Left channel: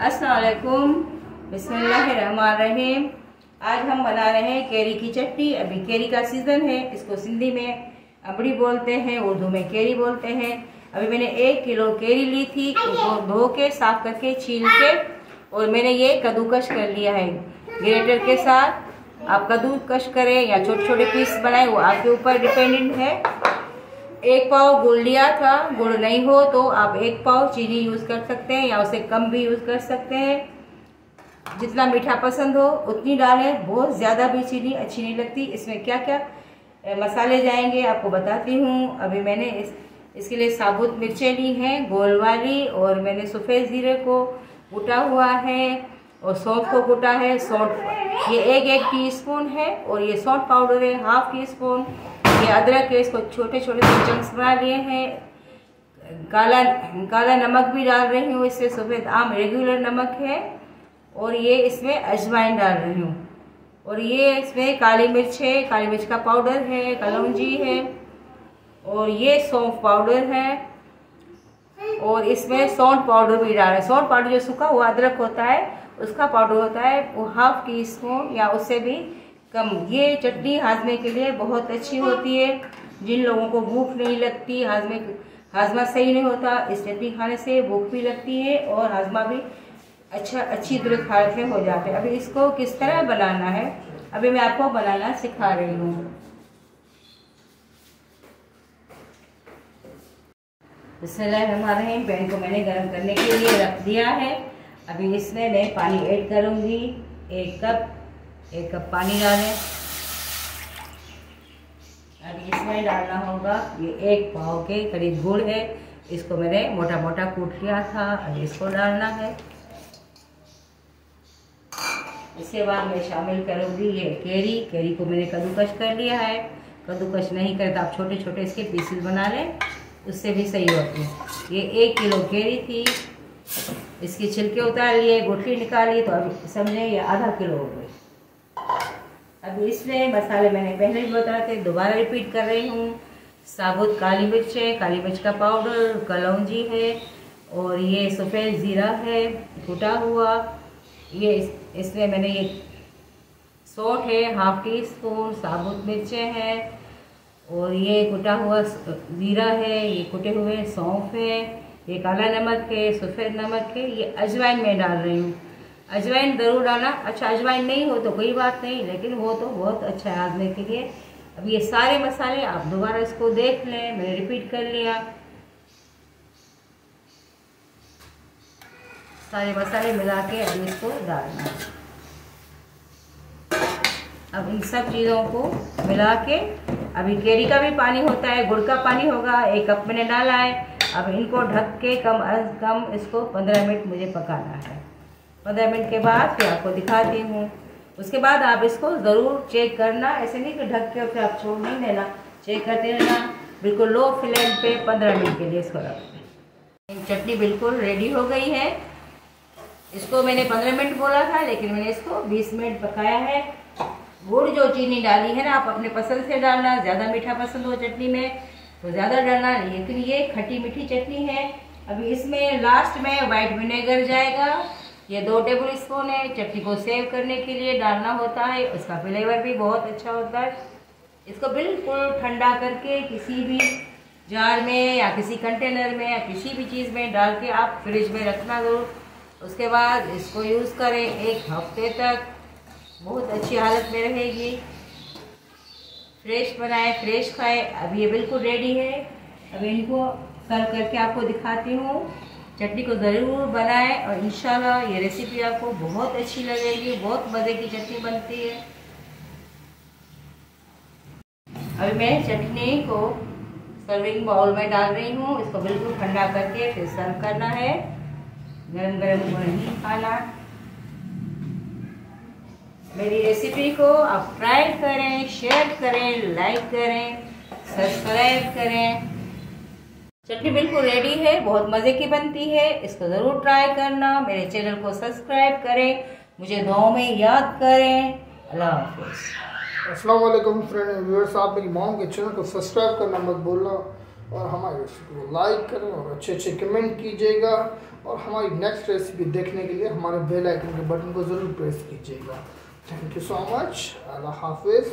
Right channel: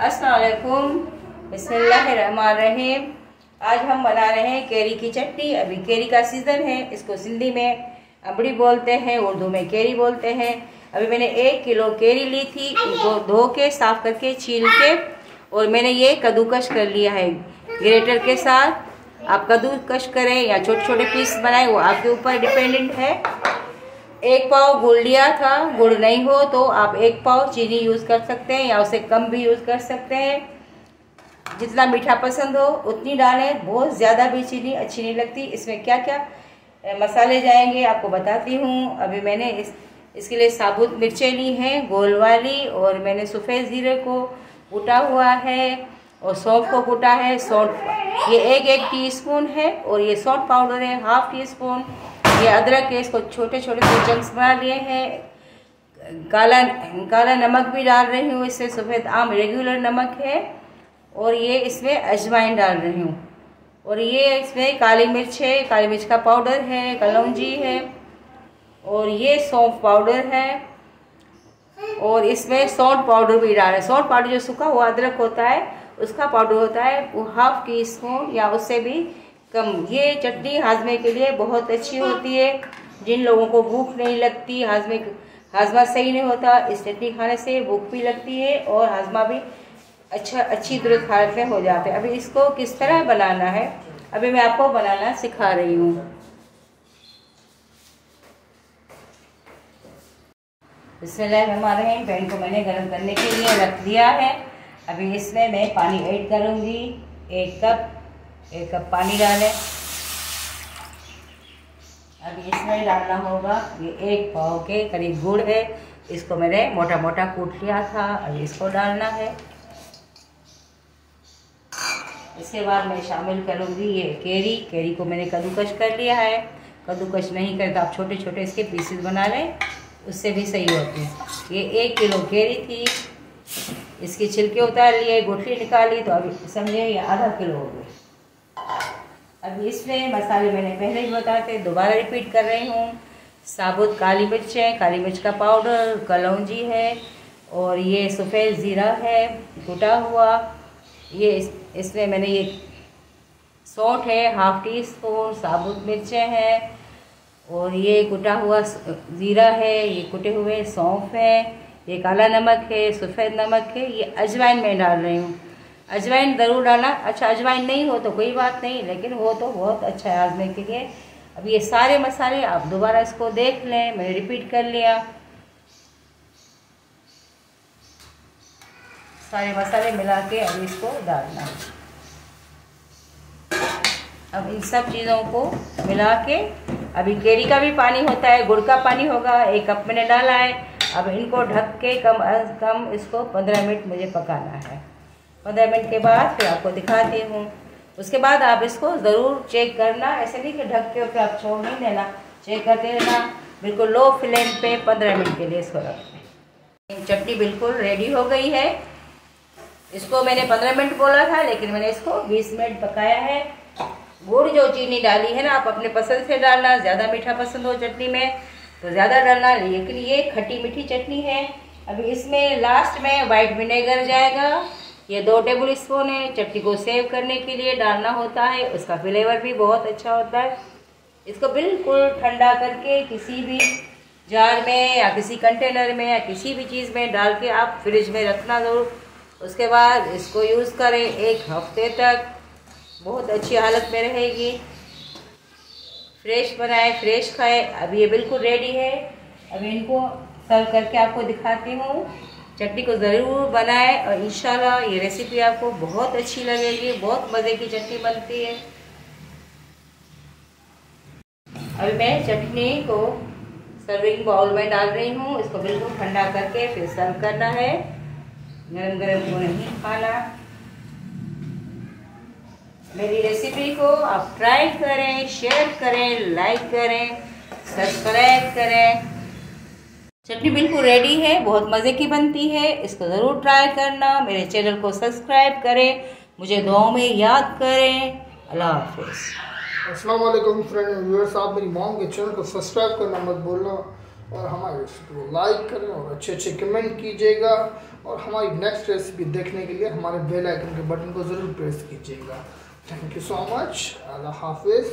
अस्सलाम वालेकुम, बिस्मिल्लाहिर्रहमानिर्रहीम। आज हम बना रहे हैं केरी की चटनी। अभी केरी का सीज़न है, इसको सिंधी में अबड़ी बोलते हैं, उर्दू में केरी बोलते हैं। अभी मैंने 1 किलो केरी ली थी, इसको धो के साफ करके छील के और मैंने ये कद्दूकश कर लिया है ग्रेटर के साथ। आप कद्दूकश करें या छोटे छोटे पीस बनाएं, वो आपके ऊपर डिपेंडेंट है। 1 पाव गुड़ लिया था, गुड़ नहीं हो तो आप 1 पाव चीनी यूज़ कर सकते हैं या उससे कम भी यूज़ कर सकते हैं। जितना मीठा पसंद हो उतनी डालें, बहुत ज़्यादा भी चीनी अच्छी नहीं लगती। इसमें क्या क्या मसाले जाएंगे आपको बताती हूँ। अभी मैंने इसके लिए साबुत मिर्चें ली हैं गोल वाली, और मैंने सफ़ेद ज़ीरे को कूटा हुआ है और सौंफ को कूटा है। सौंफ ये 1 टीस्पून है और ये सौंफ पाउडर है 1/2 टीस्पून। ये अदरक है, इसको छोटे छोटे से चंक्स बना लिए हैं। काला नमक भी डाल रही हूँ, इससे सफ़ेद आम रेगुलर नमक है। और ये इसमें अजवाइन डाल रही हूँ। और ये इसमें काली मिर्च है, काली मिर्च का पाउडर है, कलौंजी है, और ये सौंफ पाउडर है। और इसमें सौंठ पाउडर भी डाल है। सौंठ पाउडर जो सूखा हुआ अदरक होता है उसका पाउडर होता है, वो 1/2 टीस्पून या उससे भी कम। ये चटनी हाजमे के लिए बहुत अच्छी होती है। जिन लोगों को भूख नहीं लगती, हाजमा सही नहीं होता, इस चटनी खाने से भूख भी लगती है और हाजमा भी अच्छी दुरुस्त हालत में हो जाता है। अभी इसको किस तरह बनाना है अभी मैं आपको बनाना सिखा रही हूँ। बिस्मिल्लाहिर्रहमानिर्रहीम। पैन को मैंने गर्म करने के लिए रख दिया है। अभी इसमें मैं पानी ऐड करूँगी। 1 कप पानी डालें। अभी इसमें डालना होगा ये 1 पाव के करीब गुड़ है, इसको मैंने मोटा मोटा कूट लिया था। अभी इसको डालना है। इसके बाद मैं शामिल करूँगी ये केरी को मैंने कद्दूकश कर लिया है। कद्दूकश नहीं करे तो आप छोटे छोटे इसके पीसेस बना लें, उससे भी सही होते हैं। ये 1 किलो केरी थी, इसकी छिलके उतार लिए, गुठली निकाली, तो अभी समझे ये ½ किलो हो गई। अभी इसमें मसाले मैंने पहले भी बताए थे, दोबारा रिपीट कर रही हूँ। साबुत काली मिर्च है, काली मिर्च का पाउडर, कलौंजी है, और ये सफ़ेद ज़ीरा है कूटा हुआ। ये इसमें मैंने ये सौंठ है 1/2 टीस्पून, साबुत मिर्चें हैं, और ये कुटा हुआ ज़ीरा है, ये कुटे हुए सौंफ है, ये काला नमक है, सफ़ेद नमक है। ये अजवाइन मैं डाल रही हूँ। अजवाइन ज़रूर डालना। अच्छा, अजवाइन नहीं हो तो कोई बात नहीं, लेकिन वो तो बहुत अच्छा है हाजमे के लिए। अब ये सारे मसाले आप दोबारा इसको देख लें, मैंने रिपीट कर लिया। सारे मसाले मिला के अब इसको डालना। अब इन सब चीज़ों को मिला के, अभी केरी का भी पानी होता है, गुड़ का पानी होगा, 1 कप मैंने डाला है। अब इनको ढक के कम अज कम इसको 15 मिनट मुझे पकाना है। 15 मिनट के बाद फिर आपको दिखाती हूँ। उसके बाद आप इसको ज़रूर चेक करना, ऐसे नहीं कि ढक के और फिर आप छोड़ नहीं देना, चेक करते रहना। बिल्कुल लो फ्लेम पे 15 मिनट के लिए इसको रख दें। चटनी बिल्कुल रेडी हो गई है। इसको मैंने 15 मिनट बोला था, लेकिन मैंने इसको 20 मिनट पकाया है। गुड़ जो चीनी डाली है ना, आप अपने पसंद से डालना। ज़्यादा मीठा पसंद हो चटनी में तो ज़्यादा डालना, लेकिन ये खट्टी मीठी चटनी है। अभी इसमें लास्ट में वाइट विनेगर जाएगा, ये 2 टेबल स्पून है। चटनी को सेव करने के लिए डालना होता है, उसका फ्लेवर भी बहुत अच्छा होता है। इसको बिल्कुल ठंडा करके किसी भी जार में या किसी कंटेनर में या किसी भी चीज़ में डाल के आप फ्रिज में रखना ज़रूर। उसके बाद इसको यूज़ करें 1 हफ्ते तक, बहुत अच्छी हालत में रहेगी। फ्रेश बनाएं, फ्रेश खाएं। अब ये बिल्कुल रेडी है। अब इनको सर्व करके आपको दिखाती हूँ। चटनी को ज़रूर बनाएं और इंशाल्लाह ये रेसिपी आपको बहुत अच्छी लगेगी। बहुत मज़े की चटनी बनती है। अभी मैं चटनी को सर्विंग बाउल में डाल रही हूँ। इसको बिल्कुल ठंडा करके फिर सर्व करना है। गरम गरम को नहीं खाना। मेरी रेसिपी को आप ट्राई करें, शेयर करें, लाइक करें, सब्सक्राइब करें। चटनी बिल्कुल रेडी है, बहुत मज़े की बनती है। इसको ज़रूर ट्राई करना। मेरे चैनल को सब्सक्राइब करें, मुझे दुआओं में याद करें। अल्लाह हाफ़िज़। अस्सलाम वालेकुम फ्रेंड व्यूअर्स, आप मेरी मॉम के चैनल को सब्सक्राइब करना मत भूलना। और हमारी रेसिपी को लाइक करें और अच्छे अच्छे कमेंट कीजिएगा, और हमारी नेक्स्ट रेसिपी देखने के लिए हमारे बेल आइकन के बटन को ज़रूर प्रेस कीजिएगा। Thank you so much. Allah हाफिज़।